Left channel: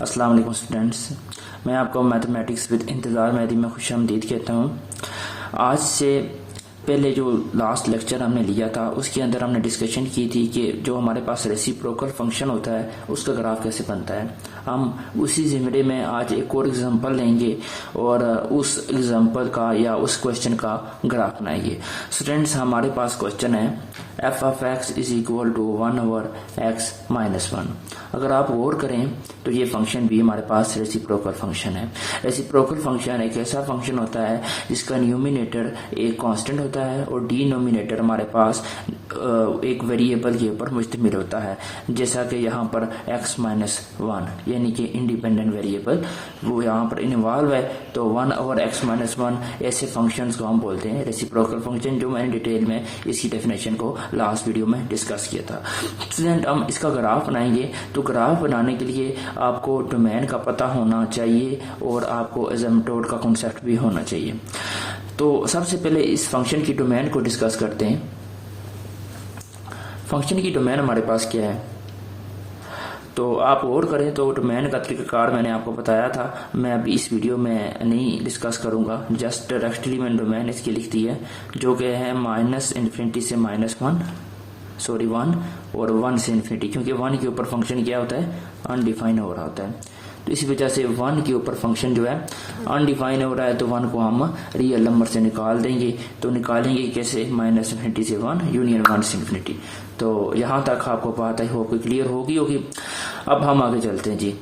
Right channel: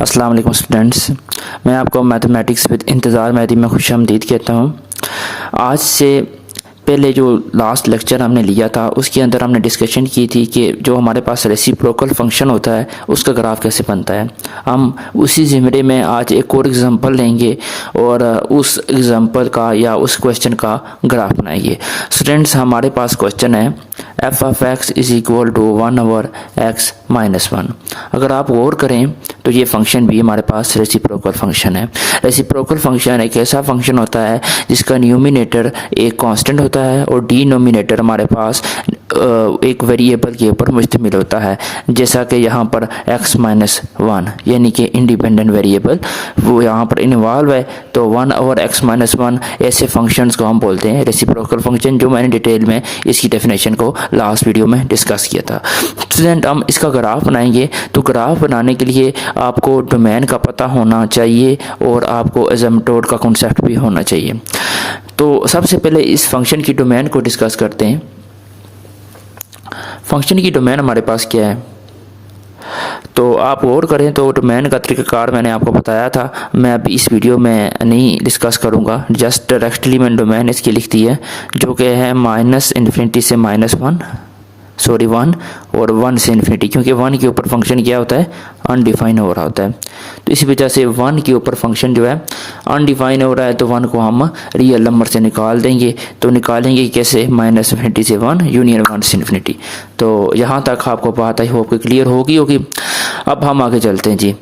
अस्सलाम वालेकुम स्टूडेंट्स, मैं आपको मैथमेटिक्स विद इंतज़ार मेहदी में खुशामदीद कहता हूँ। आज से पहले जो लास्ट लेक्चर हमने लिया था उसके अंदर हमने डिस्कशन की थी कि जो हमारे पास रेसिप्रोकल फंक्शन होता है उसका ग्राफ कैसे बनता है। हम उसी ज़िमरे में आज एक और एग्जांपल लेंगे और उस एग्जांपल का या उस क्वेश्चन का ग्राफ बनाएंगे। स्टूडेंट्स, हमारे पास क्वेश्चन है F of X is equal to 1/x-1। अगर आप गौर करें तो ये फंक्शन भी हमारे पास रेसिप्रोकल फंक्शन है। रेसिप्रोकल फंक्शन एक ऐसा फंक्शन होता है जिसका न्यूमिनेटर एक कांस्टेंट होता है और डिनोमिनेटर हमारे पास एक वेरिएबल के ऊपर मुश्तमिल होता है, जैसा कि यहाँ पर x-1 यानी कि इंडिपेंडेंट वेरिएबल वो यहाँ पर इन्वॉल्व है। तो 1/x-1 ऐसे फंक्शंस को हम बोलते हैं रेसिप्रोकल फंक्शन, जो मैंने डिटेल में इसकी डेफिनेशन को लास्ट वीडियो में डिस्कस किया था। स्टूडेंट, हम इसका ग्राफ बनाएंगे। तो ग्राफ बनाने के लिए आपको डोमेन का पता होना चाहिए और आपको एसिम्पटोट का कॉन्सेप्ट भी होना चाहिए। तो सबसे पहले इस फंक्शन की डोमेन को डिस्कस करते हैं। फंक्शन की डोमेन हमारे पास क्या है, तो आप गौर करें तो डोमेन का तरीक़ाकार मैंने आपको बताया था। मैं अब इस वीडियो में नहीं डिस्कस करूंगा, जस्ट डायरेक्टली मैंने डोमेन इसकी लिख दी है, जो कि है -∞ से -1 और 1 से इन्फिनिटी, क्योंकि 1 के ऊपर फंक्शन क्या होता है, अनडिफाइन हो रहा होता है। तो इसी वजह से 1 के ऊपर फंक्शन जो है अनडिफाइन हो रहा है, तो 1 को हम रियल नंबर से निकाल देंगे। तो निकालेंगे कैसे, -∞ से 1 यूनियन 1 से इन्फिनिटी। तो यहाँ तक आपको बात आई होप क्लियर होगी। अब हम आगे चलते हैं जी।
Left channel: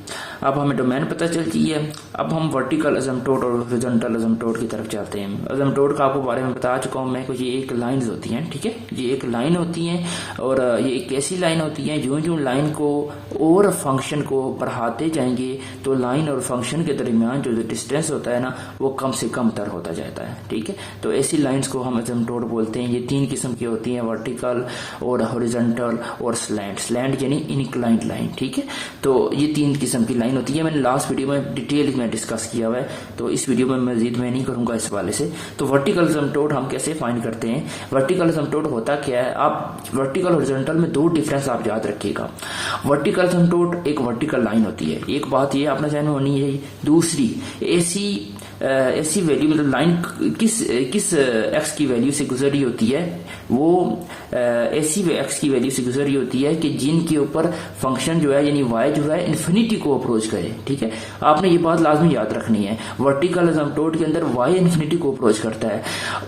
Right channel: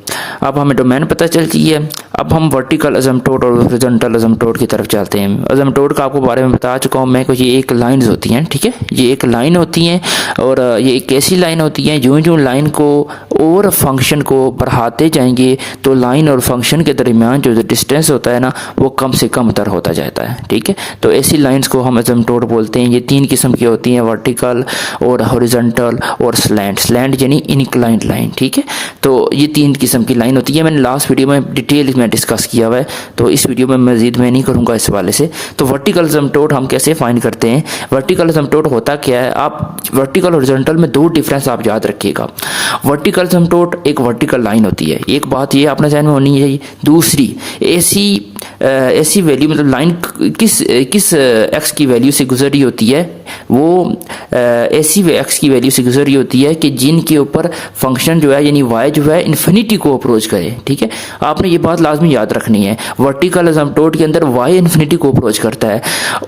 अब हमें डोमेन पता चल गई है। अब हम वर्टिकल एसिम्पटोट और हॉरिजॉन्टल एसिम्पटोट की तरफ चलते हैं। एसिम्पटोट का आपको बारे में बता चुका हूँ मैं कि ये एक लाइन्स होती हैं, ठीक है। ये एक लाइन होती हैं और ये एक ऐसी लाइन होती है जो लाइन को और फंक्शन को बढ़ाते जाएंगे तो लाइन और फंक्शन के दरमियान जो डिस्टेंस होता है ना, वो कम से कम तर होता जाता है, ठीक है। तो ऐसी लाइंस को हम एसिम्पटोट बोलते हैं। ये 3 किस्म की होती हैं, वर्टिकल और हॉरिजॉन्टल और स्लैंट यानी इंक्लाइंड लाइन, ठीक है। तो ये 3 किस्म की लाइन होती है। मैंने लास्ट वीडियो में डिटेल में डिस्कस किया हुआ है, तो इस वीडियो में मजीद मैं नहीं करूँगा इस वाले से। तो वर्टिकल एसिम्पटोट हम कैसे फाइंड करते हैं, वर्टिकल एसिम्पटोट होता क्या है, आप वर्टिकल हॉरिजॉन्टल में 2 डिफरेंस आप याद रखिएगा। वर्टिकल एसिम्पटोट एक वर्टिकल लाइन होती है, एक बात ये अपने ज़हन में होनी है। दूसरी ऐसी वैल्यू, मतलब लाइन किस एक्स की वैल्यू से गुजर रही होती है, वो ऐसी एक्स की वैल्यू से गुजर रही होती है कि जिनके ऊपर फंक्शन जो है यानी वाई जो है इन्फिनिटी को अप्रोच करे, ठीक है। आपने ये बात लाजमी याद रखनी है। वर्टिकल एसिम्पटोट के अंदर वाई इन्फिनिटी को अप्रोच करता है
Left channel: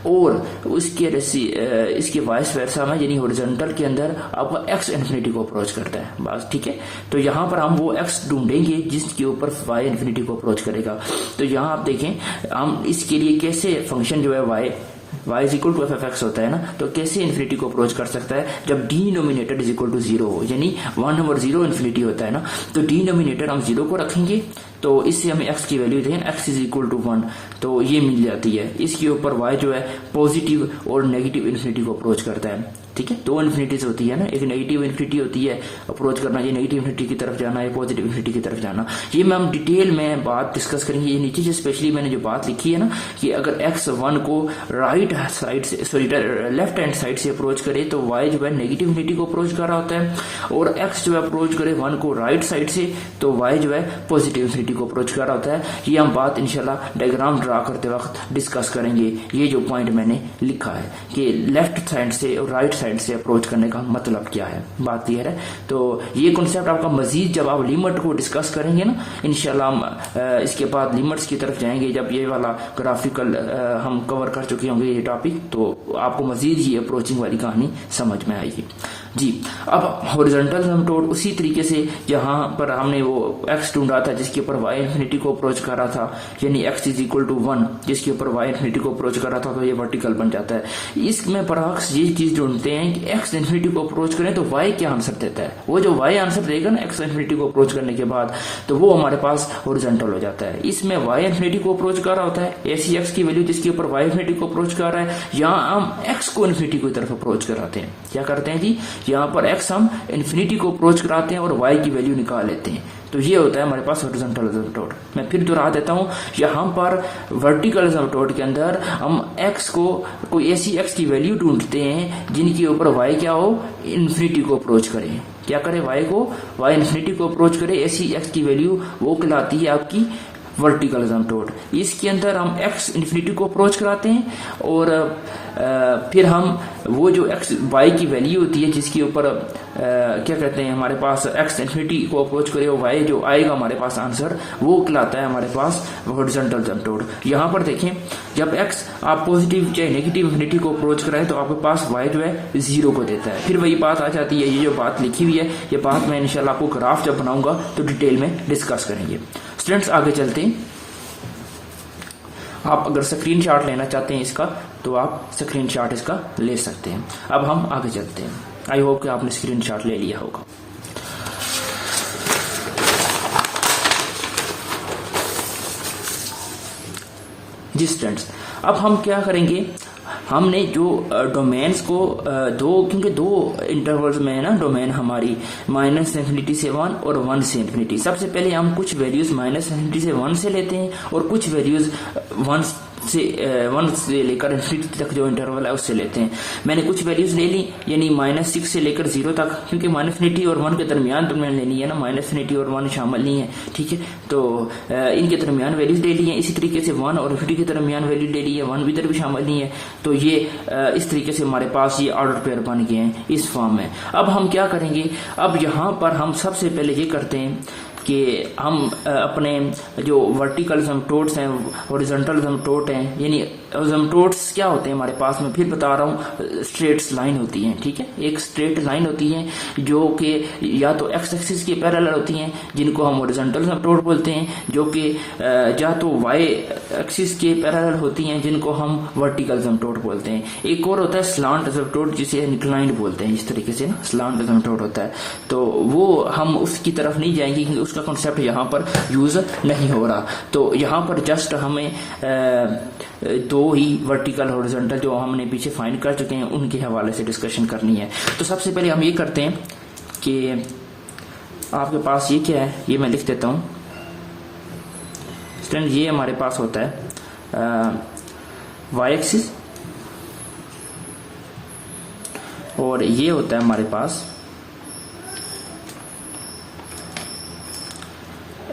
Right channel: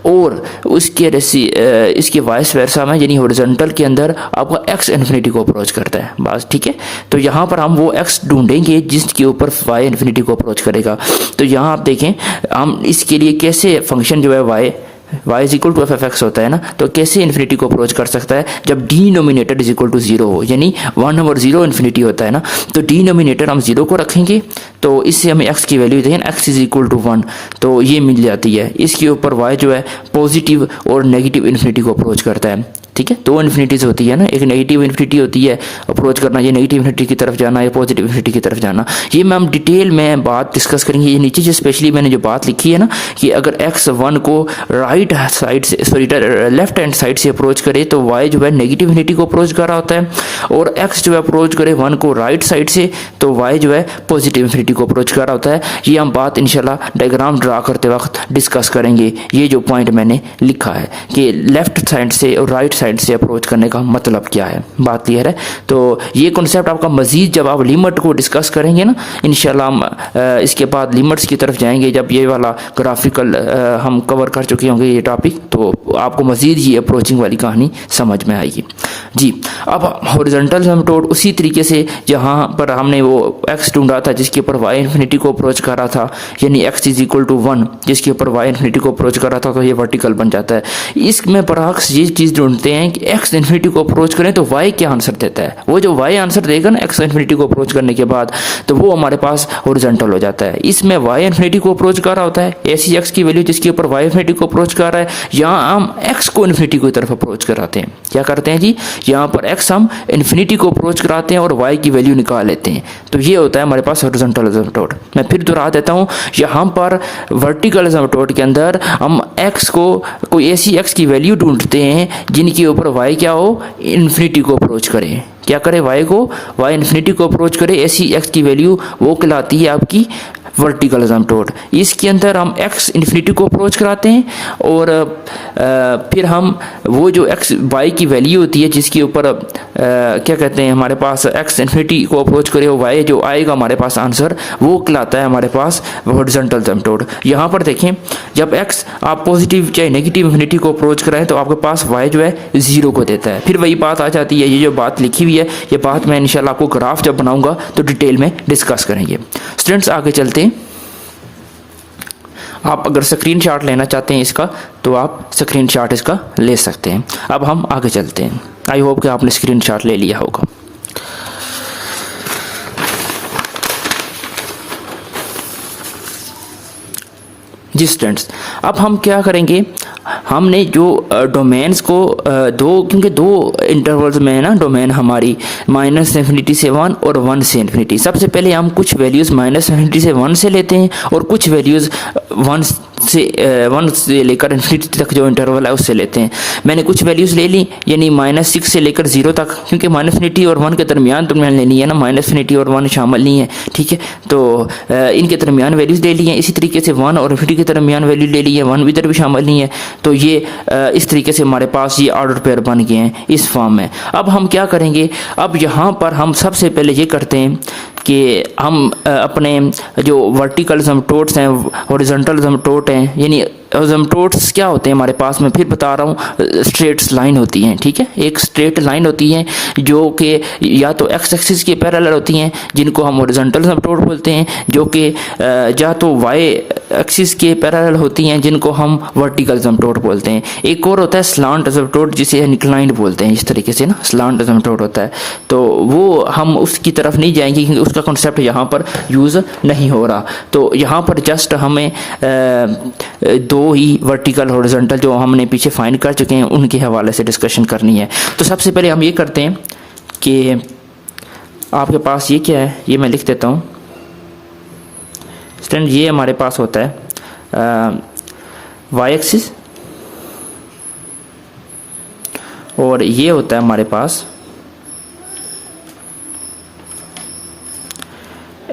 और इसके वाइस वर्सा में यानी हॉरिजॉन्टल के अंदर आपका एक्स इन्फिनिटी को अप्रोच करता है, बस, ठीक है। तो यहाँ पर हम वो एक्स ढूंढेंगे जिसके ऊपर वाई इन्फिनिटी को अप्रोच करेगा। तो यहाँ आप देखें हम इसके लिए कैसे फंक्शन जो है y is equal to f(x) होता है ना, तो कैसे इन्फिनिटी को अप्रोच कर सकता है, जब डिनोमिनेटर इज इक्वल टू 0 हो, यानी 1/0 इन्फिनिटी होता है ना। तो डिनोमिनेटर हम 0 को रखेंगे तो इससे हमें x की वैल्यू देखें, x इज इक्वल टू 1, तो ये मिल जाती है। इसके ऊपर y जो है पॉजिटिव और नेगेटिव इन्फिनिटी को अप्रोच करता है, ठीक है। 2 इन्फिनिटीज होती है ना, एक नेगेटिव इन्फिनिटी होती है अप्रोच करना, ये नेगेटिव इन्फिनिटी की तरफ जाना, ये पॉजिटिव इन्फिनिटी की तरफ जाना। ये मैं हम डिटेल में बात डिस्कस करेंगे। ये नीचे जो स्पेशली मैंने जो बात लिखी है ना, कि अगर x1 को राइट साइड से लेफ्ट हैंड साइड से अप्रोच करे तो y जो है नेगेटिव इन्फिनिटी को अप्रोच कर रहा होता है, और x जो है अप्रोच करे 1 को राइट साइड से तो y जो है पॉजिटिव इन्फिनिटी को अप्रोच कर रहा होता है। ये हम बात इंशाल्लाह डायग्राम ड्रा करते वक्त डिस्कस करेंगे। ये जो पॉइंट मैंने लिखा है कि लेफ्ट साइड से और राइट साइड से अप्रोच करने का मतलब क्या है, बात क्लियर है। तो ये कॉन्सेप्ट आपका मजीद जब आप लिमिट को डिस्कस करेंगे ना, इंशाल्लाह हम इसके बाद लिमिट्स की तरफ जाएंगे। जब ये वाला ग्राफिकल हम कवर कर चुके होंगे ये टॉपिक, तो आपको मजीद ये अप्रोचिंग वाली कहानी समझ में आएगी जी। अब हॉरिजॉन्टल एसिम्पटोट उसी तरीके से जहाँ पर हमने वो एक्स ढूंढा था जिसके ऊपर वाई इन्फिनिटी को अप्रोच कर रहा था, यानी एक्स इज इक्वल टू 1 जिसके ऊपर वाई इन्फिनिटी को अप्रोच कर रहा था, तो ये वर्टिकल बन जाता है। इसमें बरअक्स ये चीज़ ढूंढते हैं कि एक्स इन्फिनिटी को अप्रोच करें तो वाई क्या आंसर देता है। वो जो वाई आंसर देगा ना एक्स इन्फिनिटी को अप्रोच करने के बाद, तो वो हमारे पास हॉरिजॉन्टल हो जाता है। इसमें वाई इन्फिनिटी को अप्रोच कर रहा होता है, ऐसी एक्स की वैल्यू जिसके ऊपर वाई इन्फिनिटी को अप्रोच कर रहा है। यहाँ हम एक्स को इन्फिनिटी की तरफ अप्रोच कराते हैं। क्या करते हैं जी, यहाँ पर एक्स हम इन्फिनिटी को अप्रोच कराते हैं और वाई की वैल्यू निकाल लेते हैं। तो ये होता है हमारे पास हॉरिजॉन्टल एसिम्पटोट। मैं फिर दोहरा देता हूँ, यहाँ पर वर्टिकल एसिम्पटोट के अंदर हम एक्स को कोई ऐसी एक्स की वैल्यू ढूंढते हैं जिनके ऊपर वाई क्या हो, इन्फिनिटी को अप्रोच करें, क्या करे, वाई इन्फिनिटी को अप्रोच करे, ऐसी एक्स की वैल्यू वो कहलाती है आपकी वर्टिकल असिम्प्टोट। इसके अंदर हम एक्स इन्फिनिटी को अप्रोच कराते हैं और फिर हम वो जो एक्स वाई की वैल्यू होती है जिसके ऊपर क्या कहते हैं हमारे पास एक्स इन्फिनिटी को अप्रोच करे, और वाई जो आएगा हमारे पास आंसर वो कहलाता है हमारे पास हॉरिजॉन्टल असिम्प्टोट। यहाँ पर देखें, जब एक्स आप पॉजिटिव चाहे नेगेटिव इन्फिनिटी को अप्रोच कराएं तो आपके पास वाई जो है 0 को देता है। फिर वही बात आ जाती है, ये जो बात लिखी हुई है ये बात मैं इंशाल्लाह आपको ग्राफ जब बनाऊंगा तो डिटेल में डिस्कस करेंगे। स्टूडेंट्स आगे चलते हैं। आप अगर स्क्रीनशॉट लेना चाहते हैं इसका तो आप स्क्रीनशॉट इसका ले सकते हैं। अब हम आगे चलते हैं। आई होप कि आपने स्क्रीनशॉट ले लिया होगा। जी स्टूडेंट्स, अब हम क्या करेंगे, हमने जो डोमेन्स को क्योंकि दो इंटरवल्स में है ना डोमेन हमारी, -∞ से 1 और 1 से इन्फिनिटी। सबसे पहले हम कुछ वैल्यूज़ -∞ से 1 से लेते हैं और कुछ वैल्यूज़ 1 से लेकर इन्फिनिटी तक जो इंटरवल है उससे लेते हैं। मैंने कुछ वैल्यूज़ ले ली, यानी -6 से लेकर 0 तक, क्योंकि -∞ और 1 के दरमियान तो मैंने लेनी है ना, -∞ और 1 शामिल नहीं है, ठीक है। तो इनके दरमियान वैल्यूज़ ले ली हैं। इसी तरीके से 1 और इन्फिनिटी के दरमियान वैल्यू ले ली है, 1 भी इधर भी शामिल नहीं है। तो ये इस तरीके से हमारे पास ये ऑर्डर पेयर बन गए हैं इस फॉर्म में। अब हम क्या करेंगे, अब यहाँ पर हम सबसे पहले ये करते हैं कि हम अपने जो वर्टिकल असिम्प्टोट्स हैं, हॉरिजॉन्टल असिम्प्टोट हैं, यानी असिम्प्टोट्स क्या होते हैं हमारे पास, मैं फिर बता रहा हूँ, स्ट्रेट लाइन होती हैं, ठीक है। एक स्ट्रेट लाइन होती है जो कि या तो एक्स एक्सिस के पैरेलल होती हैं जिनको हम हॉरिजॉन्टल असिम्प्टोट बोलते हैं, जो कि या तो वाई एक्सिस के पैरेलल होती हैं जिनको हम वर्टिकल असिम्प्टोट बोलते हैं। एक और होता है स्लांट असिम्प्टोट जिसे इंक्लाइंड बोलते हैं, इस तरीके से ना स्लांट असिम्प्टोट होता है। तो वो हम उसकी तरफ नहीं जाएंगे क्योंकि उसका कॉन्सेप्ट यहाँ पर यूज़ नहीं हो रहा। तो यहाँ पर जस्ट हमें दो ही वर्टिकल हॉरिजॉन्टल जो हमने पीछे फाइंड कर चुके हैं उनके हवाले से डिस्कशन करनी है। तो सबसे पहले हम ये करते हैं कि आपके पास ये क्या है, ये मैं लिख देता हूँ स्टूडेंट। ये हमारे पास होता है वाई एक्सिस और ये होता है हमारे पास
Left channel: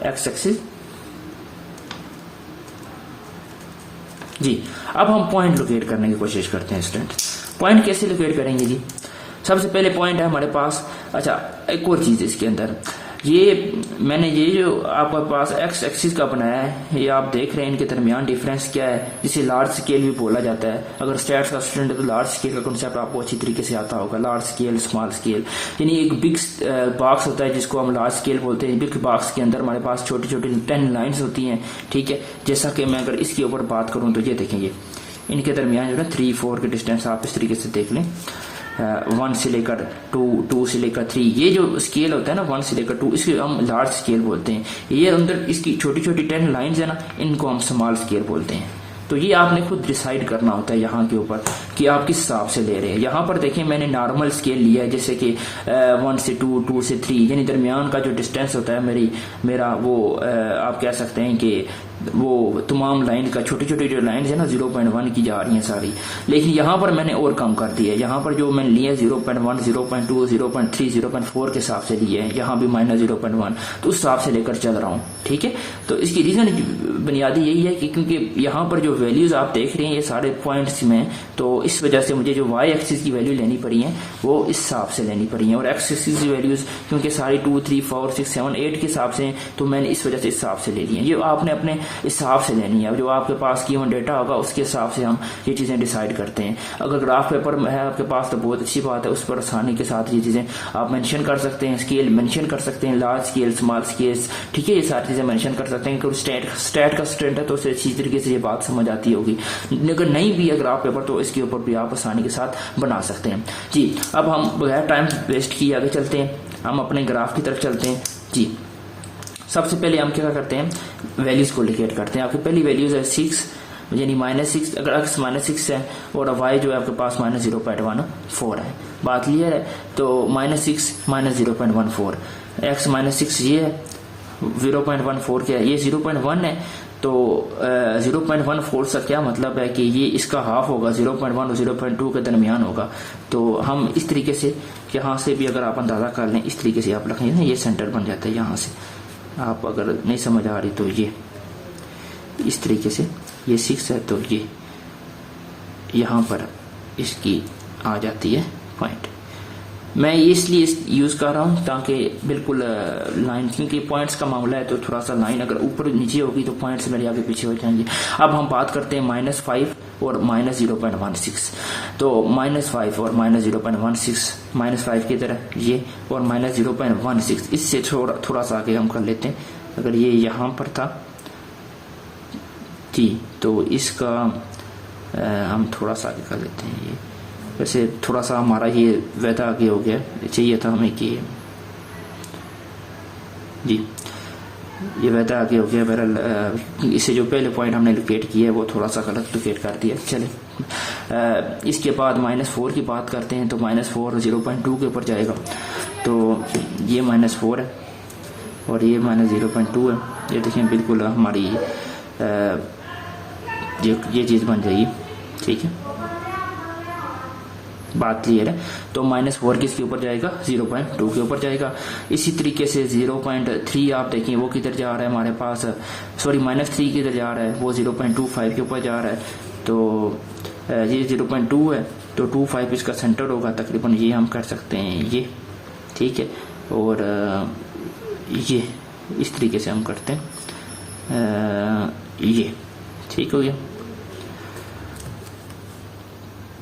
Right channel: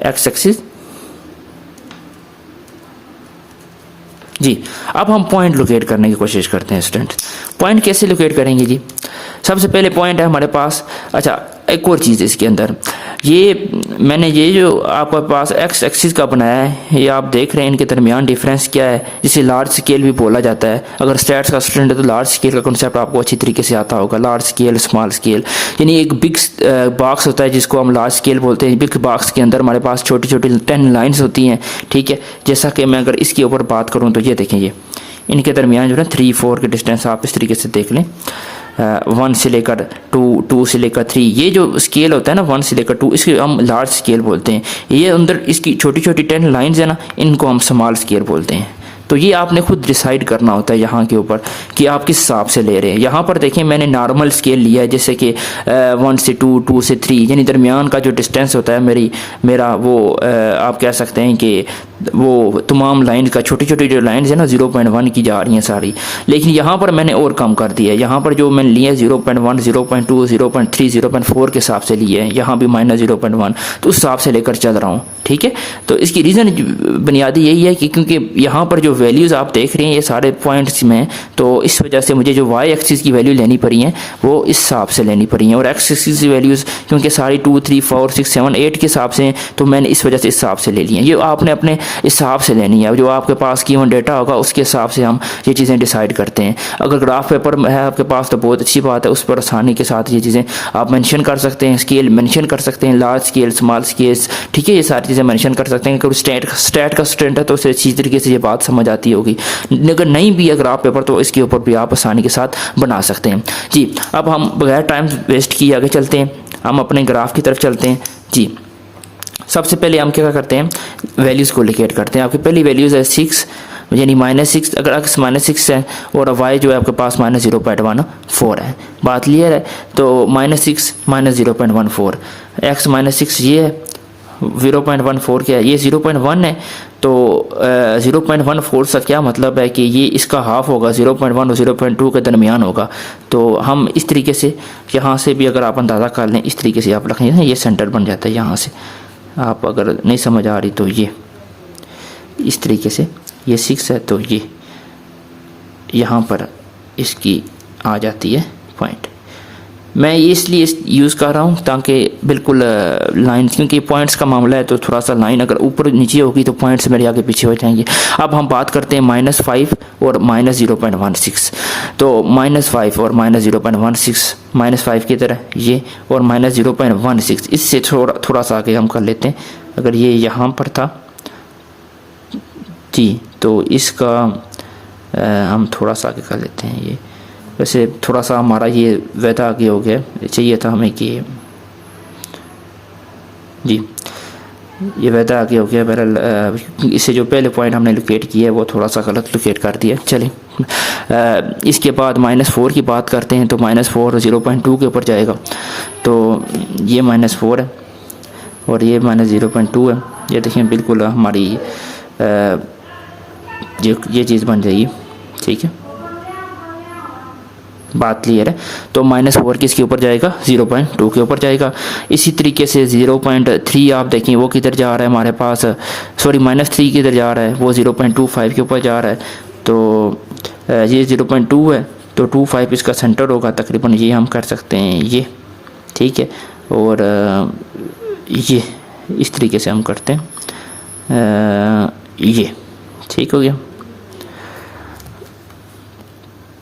एक्स एक्सिस। जी, अब हम पॉइंट लोकेट करने की कोशिश करते हैं स्टूडेंट। पॉइंट कैसे लोकेट करेंगे जी, सबसे पहले पॉइंट है हमारे पास, अच्छा एक और चीज़ इसके अंदर, ये मैंने ये जो आपके पास एक्स एक्सिस का बनाया है, ये आप देख रहे हैं इनके दरमियान डिफरेंस क्या है, जिसे लार्ज स्केल भी बोला जाता है। अगर स्टैट्स का स्टूडेंट है तो लार्ज स्केल का कॉन्सेप्ट आपको अच्छी तरीके से आता होगा। लार्ज स्केल, स्मॉल स्केल, यानी एक बिग बॉक्स होता है जिसको हम लार्ज स्केल बोलते हैं। बिग बॉक्स के अंदर हमारे पास छोटी छोटी 10 लाइन्स होती हैं, ठीक है। जैसा कि मैं अगर इसके ऊपर बात करूँ तो ये देखें, ये इनके दरमियान जो है 3-4 के डिस्टेंस आप इस तरीके से देख लें, 1 से लेकर 2, 2 से लेकर 3, ये जो स्केल होता है ना 1 से लेकर 2, इसके हम लार्ज स्केल बोलते हैं। ये अंदर इसकी छोटी छोटी 10 लाइन्स है ना, इनको हम स्मॉल स्केल बोलते हैं। तो ये आपने खुद डिसाइड करना होता है यहाँ के ऊपर कि आप किस हिसाब से ले रहे हैं। यहाँ पर देखें मैंने नॉर्मल स्केल लिया है, जैसे कि 1 से 2, 2 से 3, यानी दरमियान का जो डिस्टेंस होता है मेरा वो आप कह सकते हैं कि वो तमाम लाइन का छोटी छोटी जो लाइन्स है ना 0.1 की जा रही हैं सारी। लेकिन यहाँ पर मैंने और कम कर दिया है, यहाँ पर जो मैंने लिया है 0.1, 0.2, 0.3, 0.4 के हिसाब से लिए हैं, यहाँ भी -0.1, तो उस हिसाब से लेकर चल रहा हूँ, ठीक है। तो इसकी रीज़न बुनियादी यही है कि क्योंकि यहाँ पर जो वैल्यूज़ आप देख रहे हैं ये सारे पॉइंट्स में, तो इस वजह से मुझे जो वाई एक्सिस की वैल्यू लेनी पड़ी हैं वो इस हिसाब से लेनी पड़ी हैं, और एक्स एक्सिस की वैल्यूज़ क्योंकि सारी 2, 3, 4, 6, 7, 8 के हिसाब से, तो मैंने इस वजह से इस हिसाब से ले ली हैं। ये आपने अपने हिसाब से लेनी है, जो आपके पास कीमत डेटा होगा उसके हिसाब से हम ये चीज़ें डिसाइड करते हैं। अगर ग्राफ पेपर है आपके पास तो बहुत अच्छी बात है, उस पर आसानी के साथ ये चीज़ें आप मेंशन कर सकते हैं, स्केल मेंशन कर सकते हैं, लार्ज स्केल, स्मॉल स्केल, ठीक है, ये सारी चीज़ें मेंशन कर सकते हैं। क्योंकि स्टैट का स्टूडेंट है तो उसे अच्छी तरीके से ये बात समझ आती होगी। अगर नहीं भी है ग्राफ पेपर तो इसके ऊपर भी आप आसानी के साथ बना सकते हैं। जी, अब हम बगैर टाइम वेस्ट किए आगे चलते हैं, हम अपने ग्राफ की तरफ चलते हैं। जी, सबसे पहले हम क्या करते हैं, वैल्यूज़ को लोकेट करते हैं। आपकी पहली वैल्यूज़ है 6, यानी -6, अगर x -6 है और y जो है आपके पास -0.14 है, बात क्लियर है। तो -6 -0.14, x -6 ये है 0.14 क्या है, ये 0.1 है, तो 0.14 से क्या मतलब है कि ये इसका हाफ होगा, 0.1 और 0.2 के दरमियान होगा। तो हम इस तरीके से यहाँ से भी अगर आप अंदाज़ा कर लें, इस तरीके से आप रखेंगे ना, ये सेंटर बन जाता है। यहाँ से आप अगर नहीं समझ आ रही तो ये इस तरीके से, ये 6 है तो ये यहाँ पर इसकी आ जाती है पॉइंट। मैं ये इसलिए यूज़ कर रहा हूँ ताकि बिल्कुल लाइन, क्योंकि पॉइंट्स का मामला है तो थोड़ा सा लाइन अगर ऊपर नीचे होगी तो पॉइंट्स मेरे आगे पीछे हो जाएंगे। अब हम बात करते हैं -5 और -0.16। तो -5 और -0.16, -5 की तरह ये और -0.16, इससे थोड़ा सा आगे हम कर लेते हैं। अगर ये यहाँ पर था जी, तो इसका हम थोड़ा सा आगे कर लेते हैं। ये वैसे थोड़ा सा हमारा ये वैदा आगे हो गया, चाहिए था हमें कि जी ये वैदा आगे हो गया। बहरहाल इससे जो पहले पॉइंट हमने लोकेट किया है वो थोड़ा सा गलत लोकेट कर दिया। चलिए इसके बाद -4 की बात करते हैं। तो -4 0.2 के ऊपर जाएगा, तो ये -4 है और ये -0.2 है। ये देखिए बिल्कुल हमारी ये चीज़ बन जाएगी, ठीक है, बात क्लियर है। तो -4 किसके ऊपर जाएगा, 0.2 के ऊपर जाएगा। इसी तरीके से 0.3 आप देखें वो किधर जा रहा है हमारे पास, सॉरी -3 किधर जा रहा है, वो 0.25 के ऊपर जा रहा है। तो ये 0.2 है तो 25 इसका सेंटर होगा तकरीबन, ये हम कर सकते हैं ये, ठीक है। और ये इस तरीके से हम करते हैं, ये ठीक हो गया।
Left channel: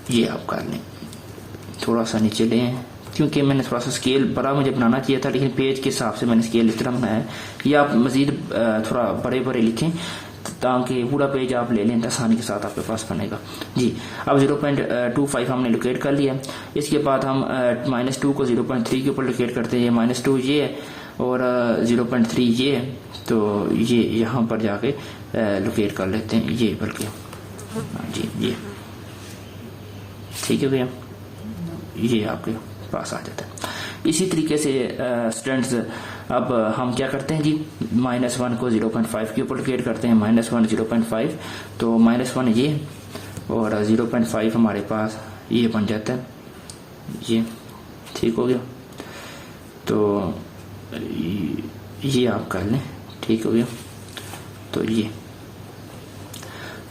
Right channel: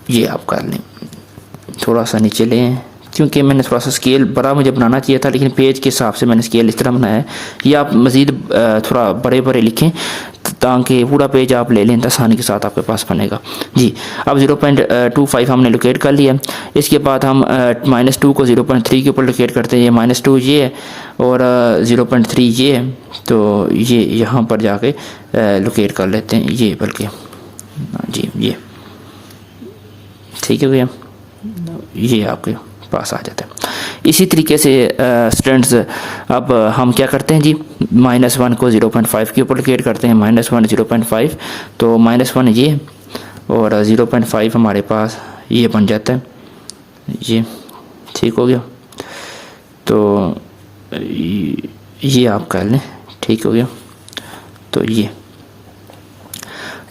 ये आप कर लें, थोड़ा सा नीचे लें, क्योंकि मैंने थोड़ा सा स्केल बड़ा मुझे बनाना चाहिए था, लेकिन पेज के हिसाब से मैंने स्केल इस तरह बनाया है। ये आप मज़ीद थोड़ा बड़े बड़े लिखें ताकि पूरा पेज आप ले लें, आसानी के साथ आपके पास बनेगा जी। अब 0.25 हमने लोकेट कर लिया। इसके बाद हम -2 को 0.3 के ऊपर लोकेट करते हैं। ये -2 ये है और 0.3 ये है, तो ये यहाँ पर जाके लोकेट कर लेते हैं ये, बल्कि जी ये ठीक है भैया, ये आपके पास आ जाता है। इसी तरीके से स्टूडेंट्स अब हम क्या करते हैं जी, -1 को 0.5 के ऊपर लोकेट करते हैं। -1 0.5, तो -1 ये और 0.5 हमारे पास ये बन जाता है, ये ठीक हो गया। तो ये आप कर लें, ठीक हो गया। तो ये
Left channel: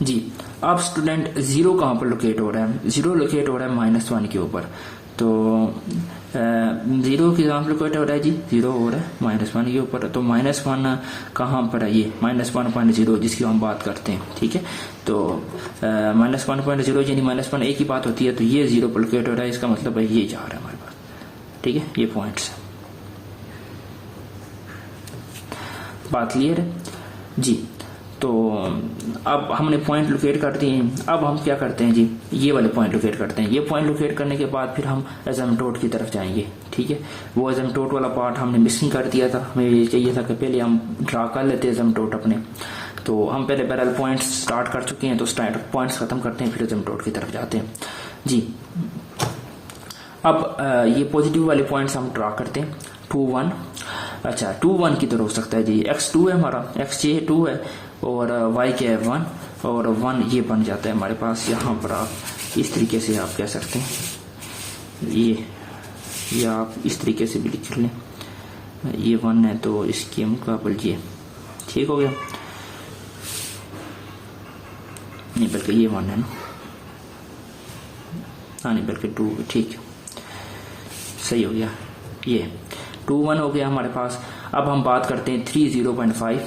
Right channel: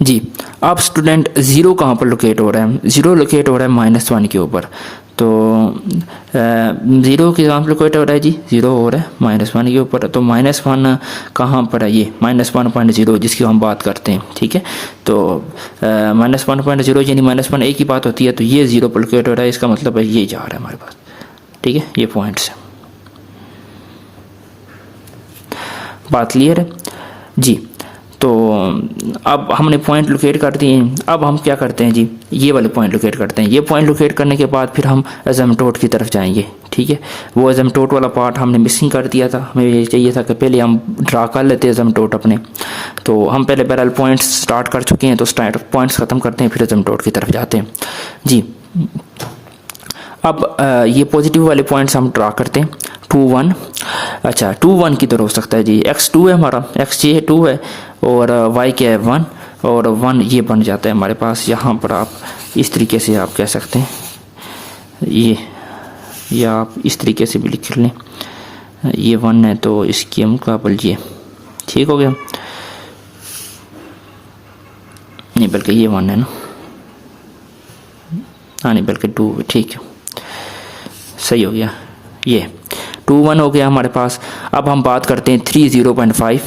जी, अब स्टूडेंट ज़ीरो कहाँ पर लोकेट हो रहा है, ज़ीरो लोकेट हो रहा है -1 के ऊपर। तो ज़ीरो के कहाँ पर लोकेट हो रहा है जी, ज़ीरो हो रहा है -1 के ऊपर। तो -1 कहाँ पर है, ये -1.0 जिसकी हम बात करते हैं, ठीक है। तो -1.0 यानी -1 एक ही बात होती है, तो ये ज़ीरो पर लोकेट हो रहा है, इसका मतलब है ये जा रहा है हमारे पास, ठीक है। ये पॉइंट्स है, बात क्लियर है जी। तो अब हमने पॉइंट लोकेट कर दिए। अब हम क्या करते हैं जी, ये वाले पॉइंट लोकेट करते हैं। ये पॉइंट लोकेट करने के बाद फिर हम एजम्पटोट की तरफ जाएंगे, ठीक है। वो एजम्पटोट वाला पार्ट हमने मिसिंग कर दिया था, हमें ये चाहिए था कि पहले हम ड्रा कर लेते एजम्पटोट अपने। तो हम पहले बहरहाल पॉइंट्स स्टार्ट कर चुके हैं, तो स्टार्ट पॉइंट्स ख़त्म करते हैं, फिर एजम्पटोट की तरफ जाते हैं जी। अब ये पॉजिटिव वाले पॉइंट्स हम ड्रा करते हैं। 2 1, अच्छा 2 1 किधर हो सकता है जी, x 2 है हमारा, x ये 2 है और y क्या है 1, और 1 ये बन जाता है हमारे पास। यहाँ पर आप इस तरीके से आप कह सकते हैं ये आप इस तरीके से भी लिख लें, ये 1 है तो इसके मुकाबले ये ठीक हो गया, नहीं बल्कि ये 1 है ना, हाँ नहीं बल्कि 2, ठीक है सही हो गया। ये 2 1 हो गया हमारे पास। अब हम बात करते हैं 3 0.5,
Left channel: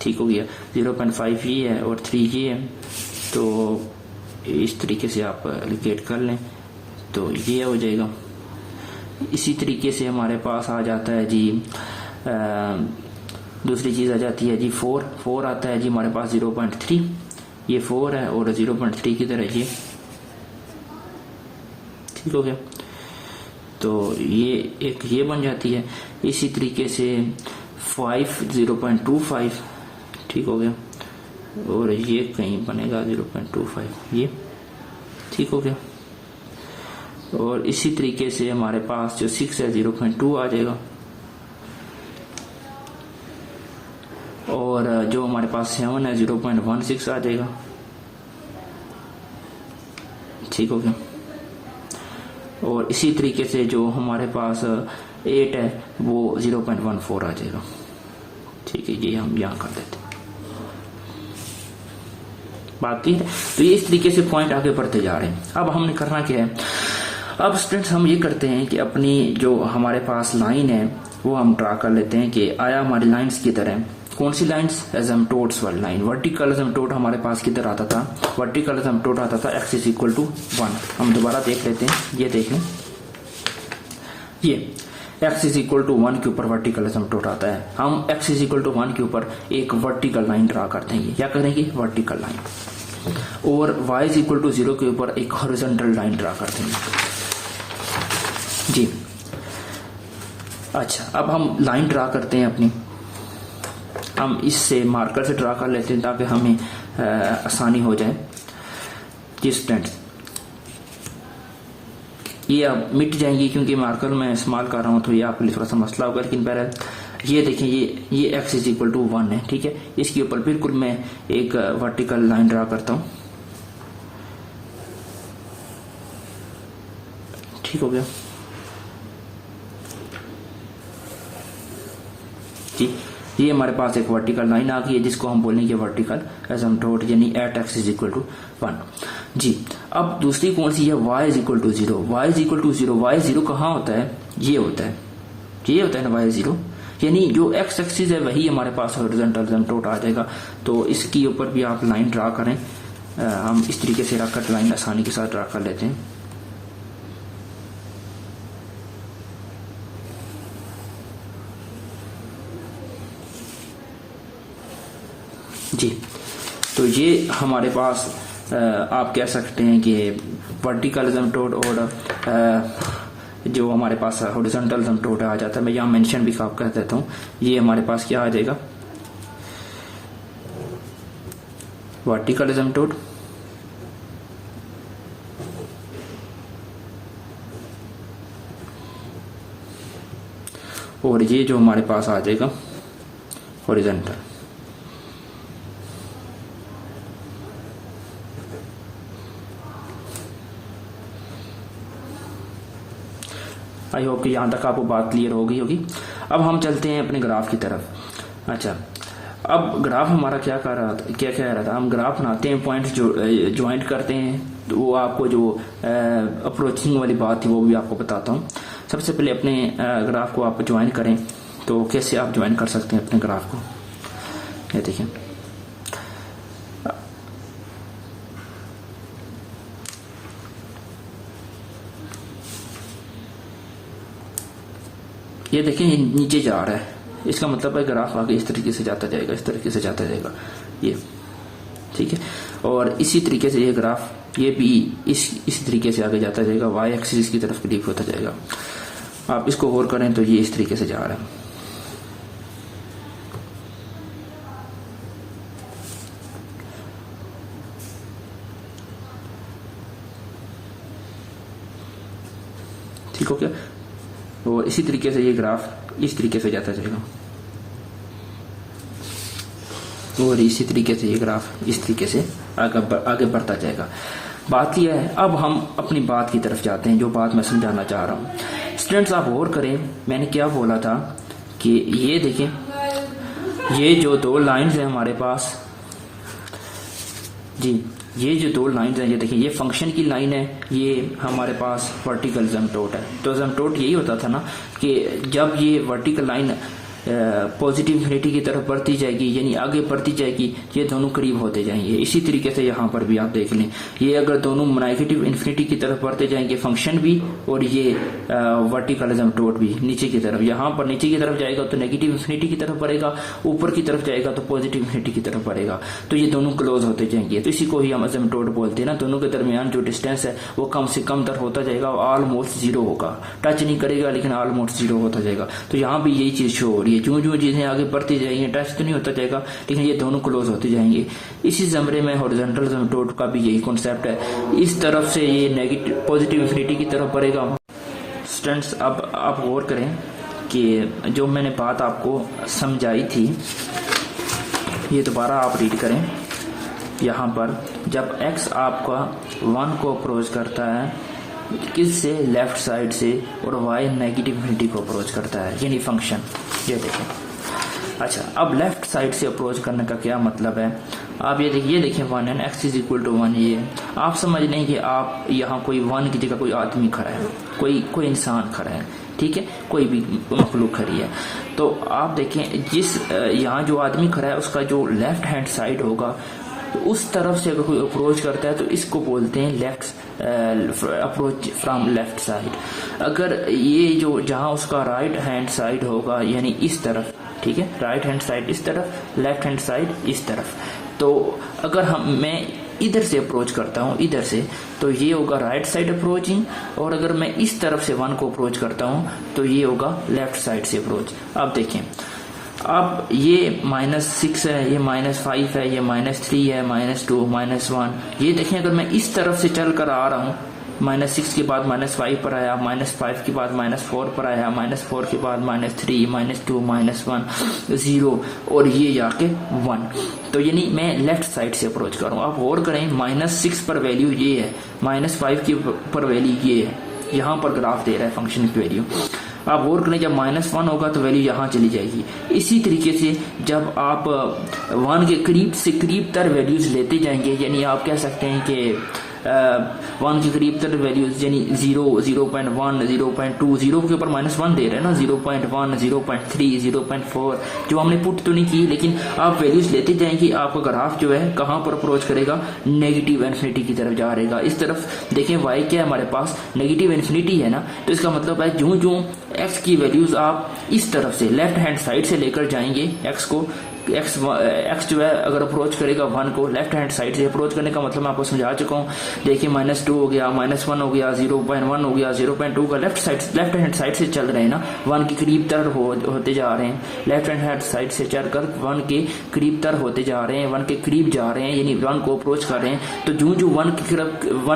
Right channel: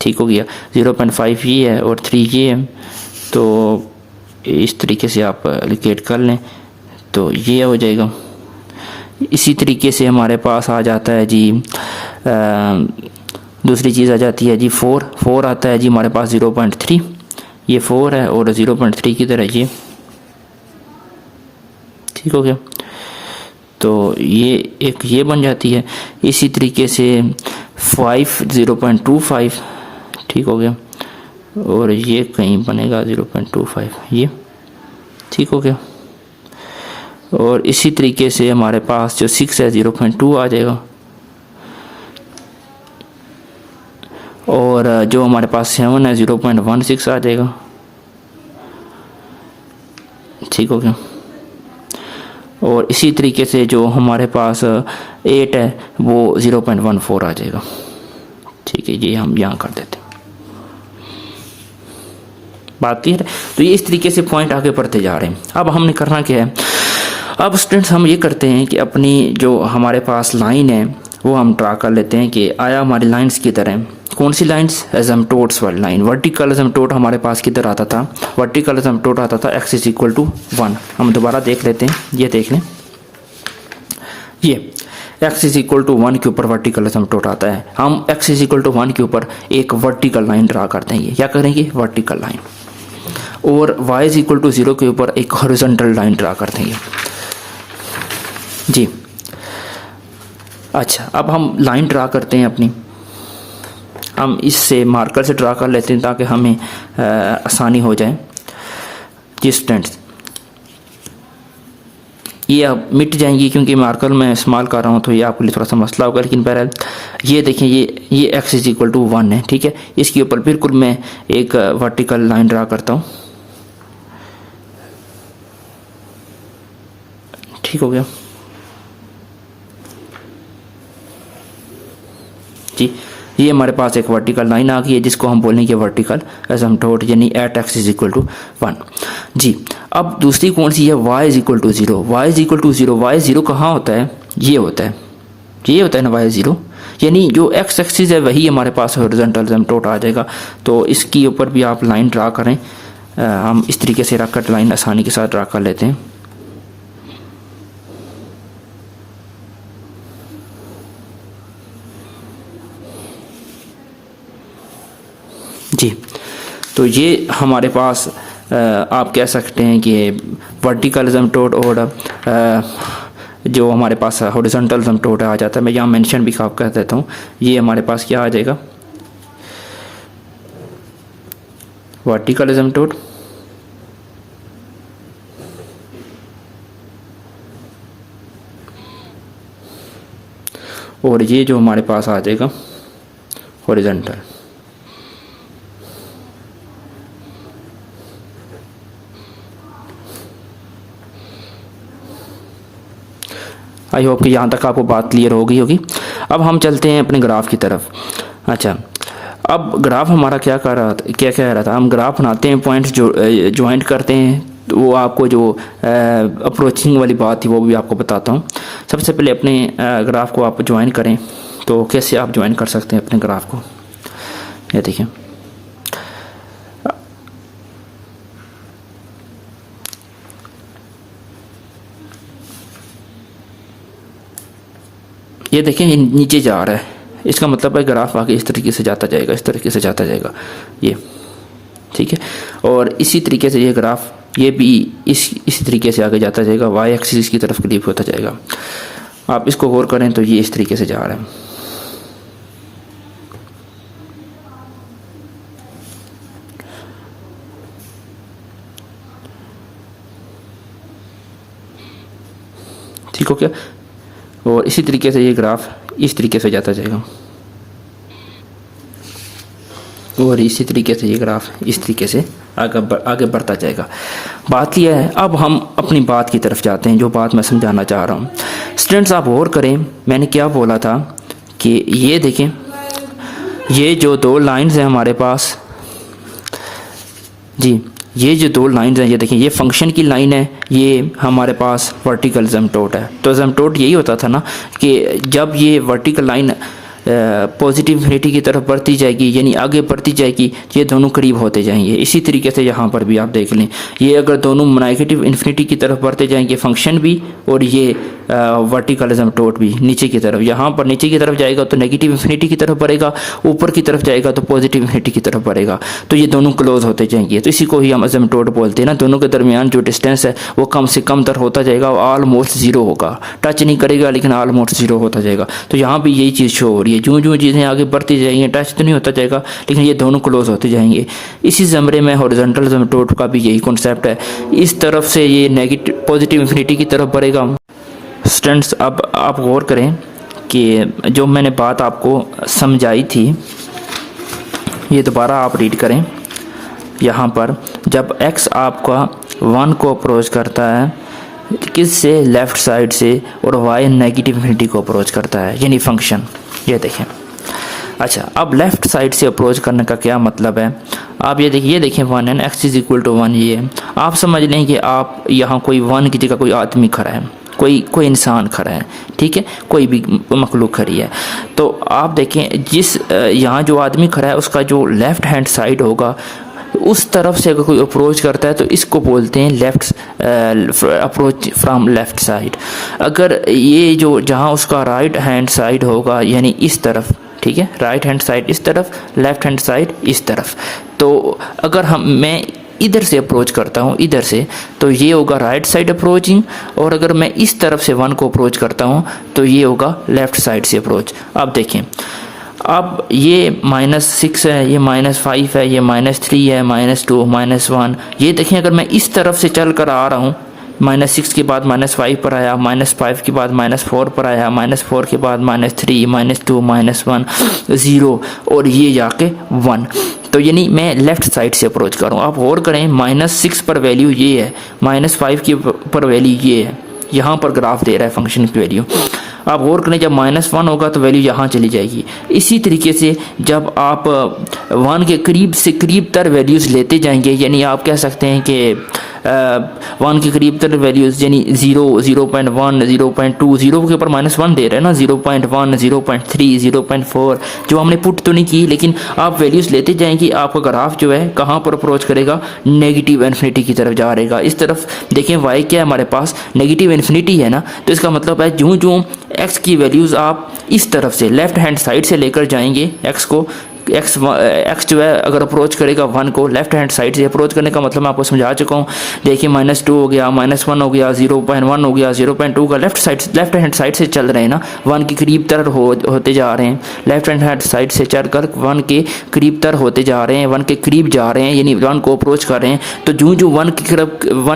ठीक हो गया। 0.5 ये है और 3 ये है, तो इस तरीके से आप लोकेट कर लें तो ये हो जाएगा। इसी तरीके से हमारे पास आ जाता है जी दूसरी चीज़ आ जाती है जी 4 आता है जी हमारे पास 0.3, ये 4 है और 0.3 की तरह ये ठीक हो गया। तो ये एक ये बन जाती है। इसी तरीके से 5 0.25 ठीक हो गया, और ये कहीं बनेगा 0.25 ये ठीक हो गया। और इसी तरीके से हमारे पास जो 6 है 0.2 आ जाएगा, और जो हमारे पास 7 है 0.16 आ जाएगा। ठीक हो गया। और इसी तरीके से जो हमारे पास 8 है वो 0.14 आ जाएगा। ठीक है, ये हम यहाँ कर देते हैं। बात क्लियर है। तो ये इस तरीके से पॉइंट आगे बढ़ते जा रहे हैं। अब हमने करना क्या है, अब स्टूडेंट्स हम ये करते हैं कि अपनी जो हमारे पास लाइन है वो हम ड्रा कर लेते हैं कि आया हमारी लाइंस की तरह। कौन सी लाइंस? एजम्पटोड्स वाली लाइन। वर्टिकल एजम्पटोड हमारे पास किधर आता था? वर्टिकल एजम्पटोड आता था x इज इक्वल टू 1। हम दोबारा देख लेते हैं, ये देख लें, ये x इज इक्वल टू 1 के ऊपर वर्टिकल एजम्पटोड आता है। हम x इज इक्वल टू 1 के ऊपर एक वर्टिकल लाइन ड्रा करते हैं। क्या करेंगे? Vertical line. और y इज इक्वल टू 0 के ऊपर एक हॉरिजॉन्टल लाइन ड्रा करते हैं जी। अच्छा, अब हम लाइन ड्रा करते हैं अपनी। हम इससे मार्कर से ड्रा कर लेते हैं ताकि हमें आसानी हो जाए जी स्टूडेंट्स। ये अब मिट जाएंगी क्योंकि मार्कर मैं इस्तेमाल कर रहा हूँ, तो ये आपके लिए थोड़ा सा मसला होगा। लेकिन बहरहाल ये देखें, ये x इज इक्वल टू 1 है। ठीक है, इसके ऊपर बिल्कुल मैं एक वर्टिकल लाइन ड्रा करता हूँ। ठीक हो गया जी। ये हमारे पास एक वर्टिकल लाइन आ गई है जिसको हम बोलेंगे वर्टिकल एसिम्प्टोट, यानी at x is equal to 1 जी। अब दूसरी कौन सी है? y is equal to 0। y is equal to 0। y 0 कहाँ होता है? ये होता है, ये होता है ना y 0, यानी जो x एक्सिस है वही हमारे पास हॉरिजॉन्टल एसिम्प्टोट आ जाएगा। तो इसके ऊपर भी आप लाइन ड्रा करें। हम इस तरीके से रख कर लाइन आसानी के साथ ड्रा कर लेते हैं जी। तो ये हमारे पास आप कह सकते हैं कि वर्टिकल एसिम्प्टोट और जो हमारे पास हॉरिजॉन्टल एसिम्प्टोट आ जाता है। मैं यहाँ मेंशन भी कर देता हूँ। ये हमारे पास क्या आ जाएगा? वर्टिकल एसिम्प्टोट और ये जो हमारे पास आ जाएगा हॉरिजॉन्टल। आई होप कि यहाँ तक आपको बात क्लियर हो गई होगी। अब हम चलते हैं अपने ग्राफ की तरफ। अच्छा, अब ग्राफ हमारा क्या कर रहा था, क्या कह रहा था? हम ग्राफ बनाते हैं, पॉइंट्स जो ज्वाइंट करते हैं। तो वो आपको जो अप्रोचिंग वाली बात थी वो भी आपको बताता हूँ। सबसे पहले अपने ग्राफ को आप ज्वाइन करें। तो कैसे आप ज्वाइन कर सकते हैं अपने ग्राफ को? ये देखिए, ये देखें नीचे जा रहा है, इसका मतलब है ग्राफ आगे इस तरीके से जाता जाएगा, इस तरीके से जाता जाएगा ये। ठीक है, और इसी तरीके से ये ग्राफ ये भी इसी तरीके से आगे जाता जाएगा, y एक्सिस की तरफ क्लीप होता जाएगा। आप इसको गौर करें तो ये इस तरीके से जा रहा है। ठीक हो क्या? और इसी तरीके से ये ग्राफ इस तरीके से जाता जाएगा और इसी तरीके से ये ग्राफ इस तरीके से आगे बढ़ता जाएगा। बात यह है, अब हम अपनी बात की तरफ जाते हैं, जो बात मैं समझाना चाह रहा हूँ। स्टूडेंट्स आप गौर करें, मैंने क्या बोला था कि ये देखें, ये जो दो लाइंस हैं हमारे पास जी, ये जो दो लाइंस हैं, ये देखें, ये फंक्शन की लाइन है, ये हमारे पास वर्टिकल एसिम्प्टोट है। तो एसिम्प्टोट यही होता था ना कि जब ये वर्टिकल लाइन पॉजिटिव इन्फिनिटी की तरफ बढ़ती जाएगी, यानी आगे बढ़ती जाएगी, ये दोनों करीब होते जाएंगे। इसी तरीके से यहाँ पर भी आप देख लें, ये अगर दोनों नेगेटिव इन्फिनिटी की तरफ बढ़ते जाएंगे, फंक्शन भी और ये वर्टिकल एसिम्प्टोट भी नीचे की तरफ, यहाँ पर नीचे की तरफ जाएगा तो नेगेटिव इन्फिनिटी की तरफ बढ़ेगा, ऊपर की तरफ जाएगा तो पॉजिटिव इन्फिनिटी की तरफ बढ़ेगा। तो ये दोनों क्लोज होते जाएंगे, तो इसी को ही हम एसिम्प्टोट बोलते हैं ना। दोनों के दरमियान जो डिस्टेंस है वो कम से कम तर होता जाएगा, ऑलमोस्ट जीरो होगा, टच नहीं करेगा लेकिन ऑलमोस्ट जीरो होता जाएगा। तो यहाँ भी यही चीज़ शो हो रही है, जो जो चीज़ें आगे बढ़ती जाएंगी, टच तो नहीं होता जाएगा लेकिन ये दोनों क्लोज होते जाएंगे। इसी ज़मरे में हॉरिजॉन्टल एसिम्प्टोट का भी यही कॉन्सेप्ट है, इस तरफ से ये नेगेटिव पॉजिटिव इन्फिनिटी की तरफ बढ़ेगा। स्टूडेंट्स अब आप गौर करें कि जो मैंने बात आपको समझाई थी ये दोबारा आप रीड करें। यहाँ पर जब x आपका 1 को अप्रोच करता है किस से, लेफ़्ट साइड से, और y नेगेटिव इन्फिनिटी को अप्रोच करता है, यानी फंक्शन। ये देखें। अच्छा, अब लेफ़्ट साइड से अप्रोच करने का क्या मतलब है, आप ये देखें 1 and x is equal to 1। ये आप समझ लें कि आप यहाँ कोई 1 की जगह कोई आदमी खड़ा है, कोई इंसान खड़ा है, ठीक है, कोई भी मखलूक खड़ी है। तो आप देखें जिस यहाँ जो आदमी खड़ा है उसका जो लेफ़्ट हैंड साइड होगा उस तरफ से अगर कोई अप्रोच करता है तो इसको बोलते हैं left approach from left side. अगर ये जो जहाँ उसका राइट हैंड साइड होगा यानी इस तरफ, ठीक है, राइट हैंड साइड इस तरफ, लेफ़्ट हैंड साइड इस तरफ, तो अगर मैं इधर से अप्रोच करता हूँ इधर से, तो ये होगा राइट साइड अप्रोचिंग, और अगर मैं इस तरफ से 1 को अप्रोच करता हूँ तो ये होगा लेफ़्ट साइड से अप्रोच। आप देखें, अब ये -6 है, ये -5 है, ये -3 है, -2, -1। ये देखें अगर मैं इस तरफ से चल कर आ रहा हूँ, -6 के बाद -5 पर आया, -5 के बाद -4 पर आया, -4 के बाद -3, -2, -1, 0, और ये जाके 1, तो यानी मैं लेफ़्ट साइड से अप्रोच कर रहा हूँ। आप गौर करें, -6 पर वैल्यू ये है, -5 की पर वैल्यू ये है, यहाँ पर ग्राफ दे रहा है फंक्शन की वैल्यू। आप गौर करें जब -1 होगा तो वैल्यू यहाँ चली जाएगी। इसी तरीके से जब आप 1 के करीब से करीब तर वैल्यूज़ लेते जाएंगे, यानी आप कह सकते हैं कि 1 के करीब तर वैल्यूज़ यानी 0, 0.1, 0.2, 0 के ऊपर -1 दे रहे हैं ना, 0.1, 0.3, 0.4, जो हमने पुट तो नहीं की, लेकिन आप वैल्यूज़ लेते जाएंगे, आपका ग्राफ जो है कहाँ पर अप्रोच करेगा, नेगेटिव इन्फिनिटी की तरफ जा रहेगा। इस तरफ देखें y क्या है हमारे पास, नेगेटिव इन्फिनिटी है ना, तो इसका मतलब है जूँ जूँ x की वैल्यूज़ आप इस तरफ से लेफ़्ट हैंड साइड से लेकर जाएंगे, x को x जो है अगर अप्रोच करेगा 1 को लेफ़्ट हैंड साइड से, अप्रोच करने का मतलब मैं आपको समझा चुका हूँ। देखिए -2 हो गया, -1 हो गया, 0.1 हो गया, 0.2 का लेफ़्ट हैंड साइड से चल रहे हैं ना, 1 के करीब तर होते जा रहे हैं, लेफ़्ट हैंड साइड से चलकर 1 के करीब तर होते जा रहे हैं, 1 के करीब जा रहे हैं, यानी 1 को अप्रोच कर रहे हैं। तो जूँ जूँ 1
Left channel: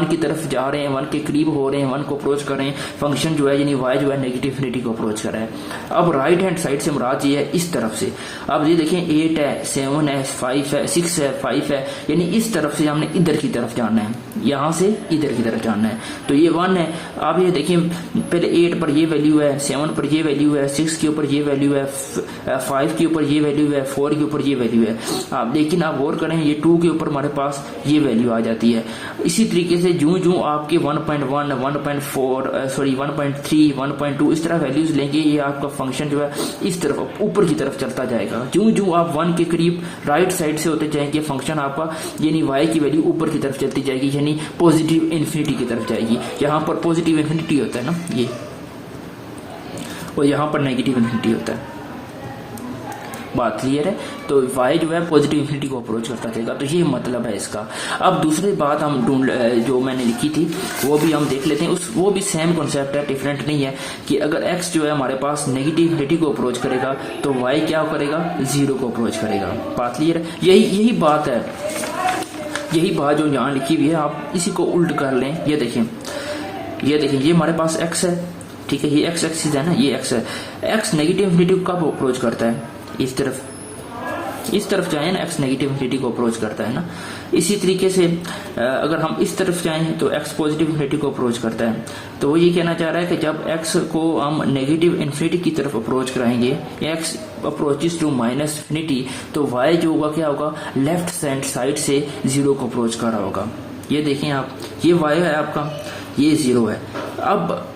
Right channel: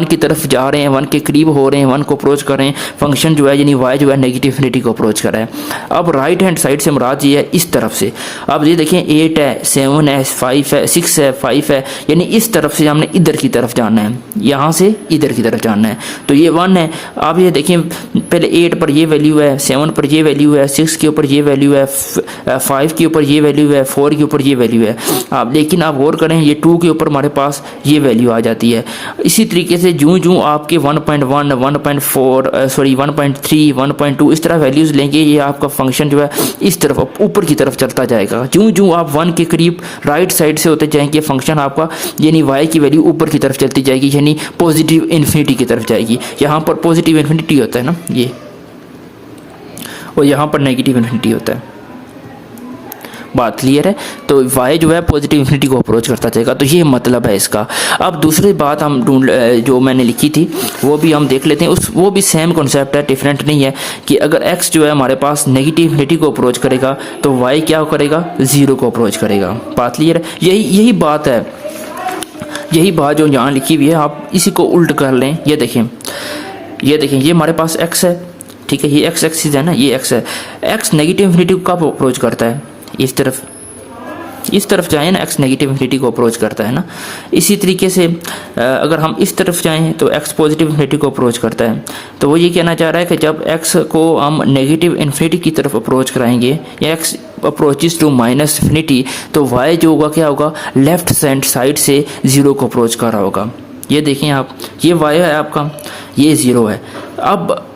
की तरफ जा रहे हैं, 1 के करीब हो रहे हैं, 1 को अप्रोच कर रहे हैं, फंक्शन जो है यानी y जो है नेगेटिव इन्फिनिटी को अप्रोच कर रहा है। अब राइट हैंड साइड से मुराद ये है इस तरफ से। अब ये देखें 8 है, 7 है, 5 है, 6 है, 5 है, यानी इस तरफ से हमने इधर की तरफ जाना है, यहाँ से इधर की तरफ जाना है, तो ये 1 है। आप ये देखें पहले 8 पर ये वैल्यू है, 7 पर ये वैल्यू है, 6 के ऊपर ये वैल्यू है, 5 के ऊपर ये वैल्यू है, 4 के ऊपर ये वैल्यू है। आप लेकिन आप गौर करें ये 2 के ऊपर हमारे पास ये वैल्यू आ जाती है। इसी तरीके से जूँ जूँ आपके 1.1, 1.4 सॉरी 1.3, 1.2 इस तरह वैल्यूज़ लेंगे, ये आपका फंक्शन जो है इस तरफ ऊपर की तरफ चलता जाएगा। जूँ जूँ आप 1 के करीब राइट साइड से होते जाएंगे, फंक्शन आपका यानी y की वैल्यू ऊपर की तरफ चलती जाएगी, यानी पॉजिटिव इन्फिनिटी की तरफ जाएगी। यहाँ पर पॉजिटिव इन्फिनिटी होता है ना ये, और यहाँ पर नेगेटिव इन्फिनिटी होता है। बात क्लियर है? तो y जो है पॉजिटिव इन्फिनिटी को अप्रोच करता जाएगा, तो ये मतलब है इसका। अब दूसरी बात हम जो मैंने लिखी थी वो भी हम देख लेते हैं, वो भी सेम कॉन्सेप्ट है, डिफरेंट नहीं है, कि अगर x जो है हमारे पास नेगेटिव इन्फिनिटी को अप्रोच करेगा तो y क्या करेगा, 0 को अप्रोच करेगा। बात क्लियर है? यही बात है, यही बात जो यहाँ लिखी हुई है, आप इसी को उल्ट कर लें। ये देखें ये हमारे पास x है, ठीक है, ये x एक्सिस है ना, ये x है। x नेगेटिव इन्फिनिटी को कब अप्रोच करता है, इस तरफ जाएं ना, x नेगेटिव इन्फिनिटी को अप्रोच करता है ना। इसी तरीके से अगर हम इस तरफ जाएं तो x पॉजिटिव इन्फिनिटी को अप्रोच करता है। तो वो ये कहना चाह रहा है कि जब x को हम नेगेटिव इन्फिनिटी की तरफ अप्रोच कराएंगे, या x approaches to minus infinity, तो y जो होगा क्या होगा, लेफ्ट हैंड साइड से 0 को अप्रोच कर रहा होगा। ये देखें आप, ये y है आपका, ये 0 है। अब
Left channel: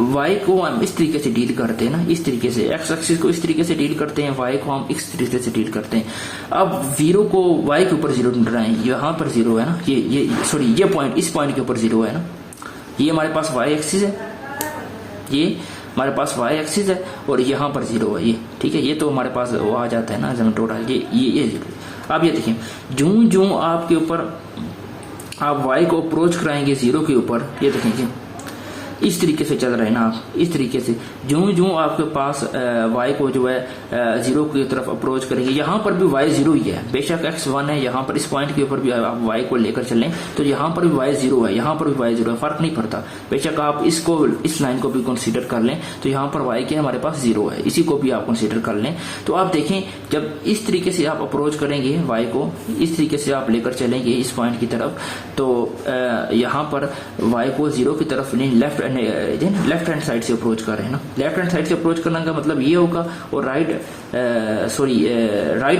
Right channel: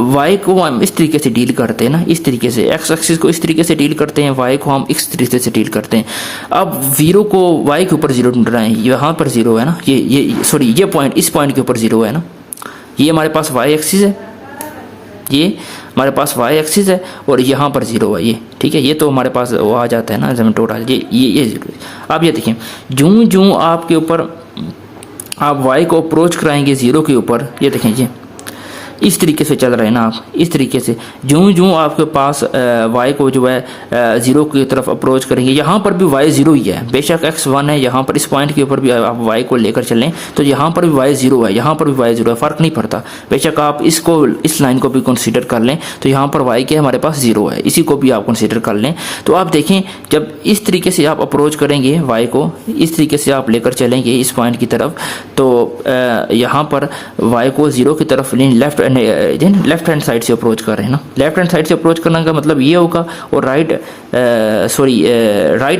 y को हम इस तरीके से डील करते हैं ना, इस तरीके से x एक्सिस को इस तरीके से डील करते हैं, y को हम इस तरीके से डील करते हैं। अब 0 को y के ऊपर 0 ढूंढ रहे हैं, यहाँ पर 0 है ना, ये पॉइंट, इस पॉइंट के ऊपर 0 है ना, ये हमारे पास y एक्सिस है, ये हमारे पास y एक्सिस है, और यहाँ पर 0 है ये, ठीक है। ये तो हमारे पास वो आ जाता है ना जमीन टोटल, ये 0। अब ये देखिए जूँ जूँ आपके ऊपर आप y को अप्रोच कराएंगे 0 के ऊपर, ये देखें इस तरीके से चल रहे हैं ना आप, इस तरीके से जो आपके पास y को जो है 0 की तरफ अप्रोच करेंगे, यहाँ पर भी y 0 ही है, बेशक x 1 है, यहाँ पर इस पॉइंट के ऊपर भी आप y को लेकर चलें तो यहाँ पर भी y 0 है, यहाँ पर भी y 0 है, फ़र्क नहीं पड़ता। बेशक आप इसको, इस लाइन को भी कंसीडर कर लें तो यहाँ पर y के हमारे पास 0 है, इसी को भी आप कंसीडर कर लें। तो आप देखें जब इस तरीके से आप अप्रोच करेंगे y को, इस तरीके से आप लेकर चलेंगे इस पॉइंट की तरफ, तो यहाँ पर y को 0 की तरफ लेफ्ट हैंड साइड से अप्रोच कर रहे हैं ना। लेफ्ट हैंड साइड से अप्रोच करने का मतलब ये होगा, और राइट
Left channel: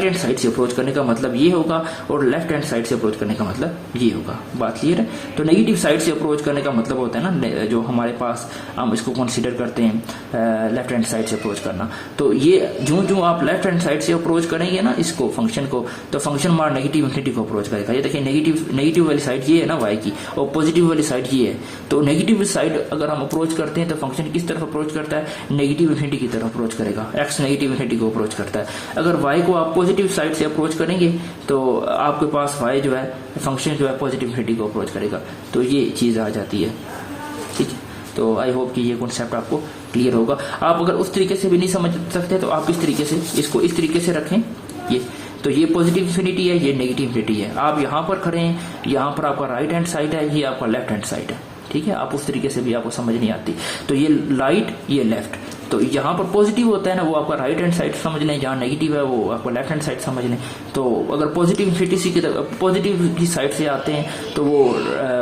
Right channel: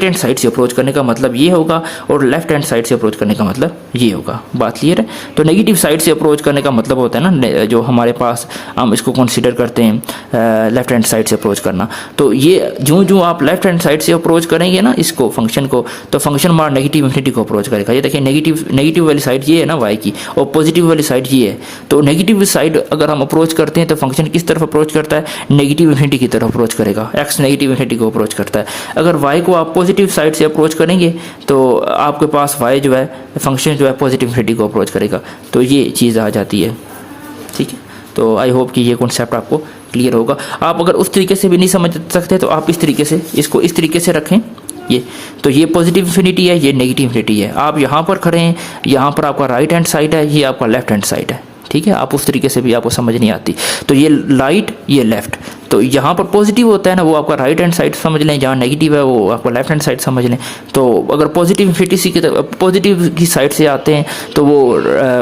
हैंड साइड से अप्रोच करने का मतलब ये होगा, और लेफ्ट हैंड साइड से अप्रोच करने का मतलब ये होगा। बात क्लियर है? तो नेगेटिव साइड से अप्रोच करने का मतलब होता है ना, जो हमारे पास हम इसको कंसीडर करते हैं लेफ्ट हैंड साइड से अप्रोच करना। तो ये जो आप लेफ्ट हैंड साइड से अप्रोच करेंगे ना इसको, फंक्शन को, तो फंक्शन हमारा नेगेटिव इन्फिनिटी को अप्रोच करेगा। ये देखिए नेगेटिव वाली साइड ये है ना y की, और पॉजिटिव वाली साइड ये है। तो नेगेटिव साइड अगर हम अप्रोच करते हैं तो फंक्शन किस तरफ अप्रोच करता है? नेगेटिव इन्फिनिटी की तरफ अप्रोच करेगा, x नेगेटिव इन्फिनिटी को अप्रोच करता है। अगर y को आप पॉजिटिव साइड से अप्रोच करेंगे तो आपके पास y जो है, फंक्शन जो है पॉजिटिव इन्फिनिटी को अप्रोच करेगा। तो ये चीज़ आ जाती है, ठीक है। तो आई होप कि ये कॉन्सेप्ट आपको क्लियर होगा। आप अगर उस तरीके से भी नहीं समझ सकते तो आप इस तरीके से, इसको इस तरीके से रखें, ये तो ये पॉजिटिव इन्फिनिटी है, ये नेगेटिव इन्फिनिटी है। आप यहाँ पर खड़े हैं, यहाँ पर आपका राइट हैंड साइड है, ये आपका लेफ्ट हैंड साइड है, ठीक है। आप उस तरीके से भी आपको समझ नहीं आती। तो ये राइट, ये लेफ्ट, तो यहाँ पर पॉजिटिव होता है ना, वो आपका राइट हैंड साइड समझ लें, जहाँ नेगेटिव है वो आपका लेफ्ट हैंड साइड समझ लें। तो अगर पॉजिटिव इन्फिनिटी की पॉजिटिव की साइड से आते हैं तो वो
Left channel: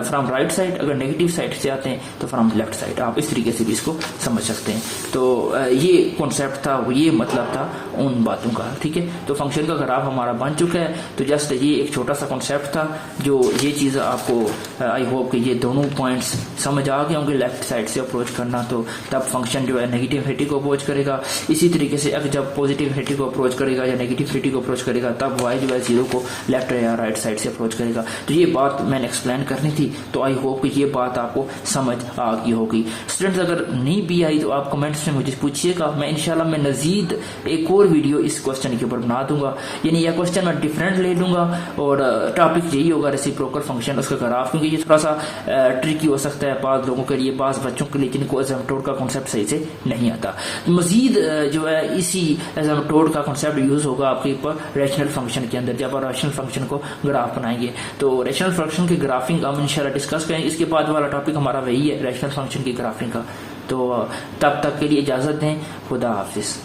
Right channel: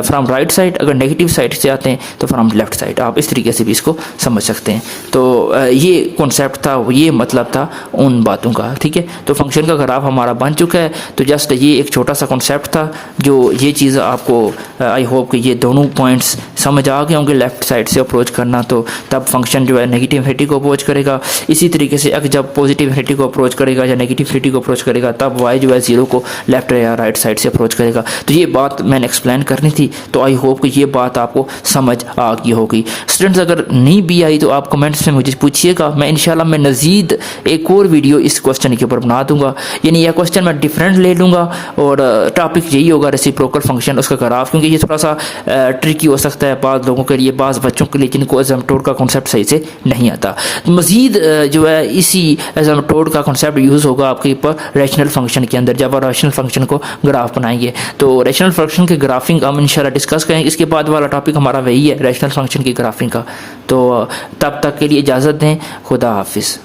फ्रॉम राइट साइड, अगर नेगेटिव साइड से आते हैं तो फ्रॉम लेफ्ट साइड। आप इस तरीके से भी इसको समझ सकते हैं। तो ये कॉन्सेप्ट था, ये मतलब था उन बातों का, ठीक है। तो फंक्शन का ग्राफ हमारा बन चुका है। तो जस्ट ये एक छोटा सा कॉन्सेप्ट था, जो ये चीज़ आपको आई होप कि ये दोनों पॉइंट्स समझ आ गए होंगे। लेफ्ट साइड से अप्रोच करना, तो तब फंक्शन जो है नेगेटिव इन्फिनिटी को अप्रोच करेगा। इसी तरीके से अगर जब पॉजिटिव इन्फिनिटी को अप्रोच करेगा या नेगेटिव इन्फिनिटी को अप्रोच करेगा, तब y जो है 0 को लेफ्ट या राइट साइड से अप्रोच करेगा। तो ये बात मैंने एक्सप्लेन करनी थी। तो आई होप कि ये बात आपको समझ आ गई होगी। स्टूडेंट्स अगर नहीं भी आई तो आप कमेंट्स में मुझे पूछिएगा, मैं इंशाल्लाह मैं मज़ीद एक और वीडियो इस क्वेश्चन के ऊपर बना दूंगा। यानी यह क्वेश्चन मैं डिफरेंट ले लूँगा और टॉपिक यही होगा रेसिप्रोकल फंक्शन, उसका ग्राफ, क्योंकि ये थोड़ा सा ट्रिकी हो सकता है बाज़ लोगों के लिए, बाज़ बच्चों के लिए जिनको एसिम्पटोट का कॉन्सेप्ट सही से नहीं आता। मज़ीद जो है इसी एसिम्पटोट का कॉन्सेप्ट यूज़ होगा आपके ऊपर रैशनल फंक्शन के अंदर, जब आप रैशनल फंक्शन को ग्राफ बनाएंगे। तो रैशनल फंक्शन के ग्राफिंग हम इंशाल्लाह डिस्कस करेंगे। इसके बाद वाला टॉपिक हमारा वही है, रैशनल फंक्शन की ग्राफिंग का। तो तब तक के लिए इजाज़त दें, खुदा हाफिज़।